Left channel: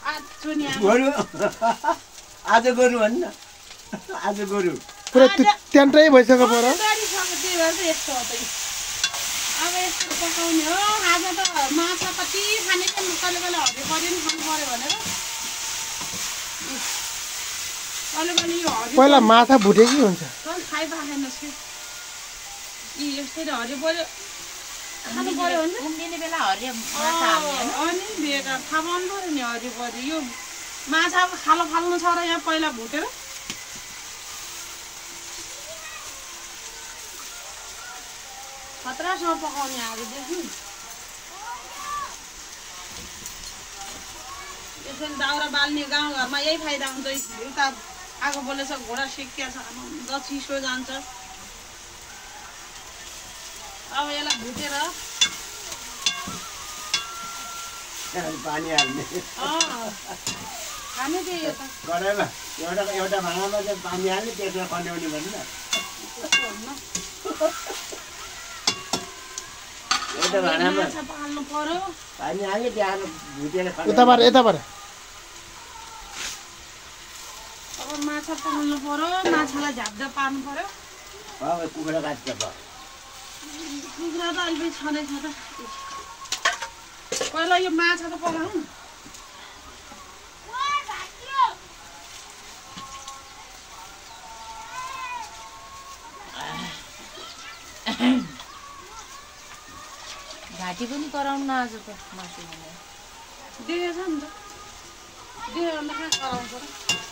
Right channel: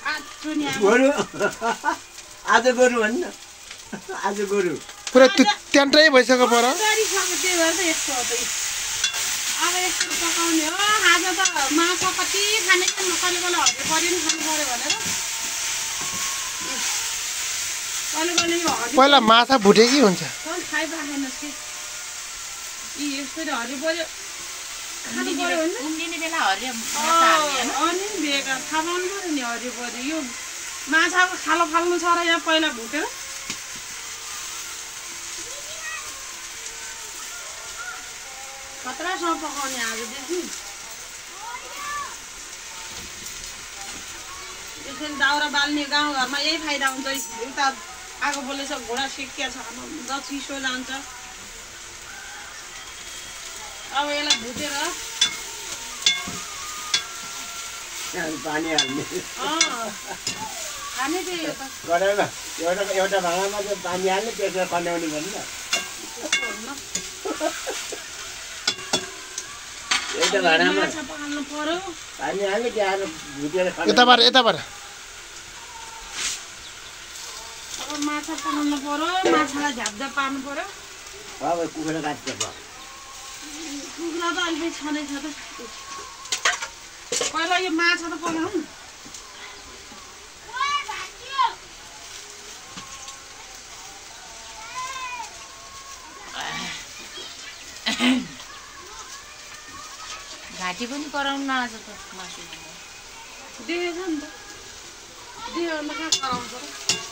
गोरु आज गोरु भन्न आज गोरु पुरा ट्यान्टै भइसक्यो पर अब यस्तो पकाउने हो आज त माछा कति खाने क्या कहिले कहिले हरियो पर्यो नि खानु पर्यो भनेर कहिले कहिले यो हरियो पहिला माछा भुटे कि हुन्छ खाइराखेनस् कि यी यस्तरी हरियो पर्यो खानु पर्यो भने उम्लिने बेला हरियो माछा हाल्ने अनि बेकार थाहा पाउनु पर्यो नि हरियो पर्यो यो माछाको खालो फाल्नु छ र यहाँ पहिला भुटेर खतरासँग पकाउने आजदेखि एकछिन दाउरा बाल्ने गाउँघरमा यही फाइदा हुन्छ उता आगो बोलेछ घोडा सिक्किया छ अब चिसो जान्छ अब यसलाई भुटेर पानी हाल्ने खाने त्यही हो त कराईमा एउटा भाँडामा चाहिँ पानी हाल्ने त्यसमा खन्याउने भन्नु एउटा भाँडामा माछा पकाल्नु पर्यो पानी हाल्ने त्यहाँ भुटेर यताबाट यताबाट अब माछा पकाउनु पर्यो माछालाई झापझाप पार्नु पर्यो अब कुखुरा काट्छ कुखुरा त अहिले छँदैछ त पहिला यो माछा त पकाउनु घाँटी पनि कराउनु न आज त मासु देखेछ नि त देखेर कहाँ कराउँछ र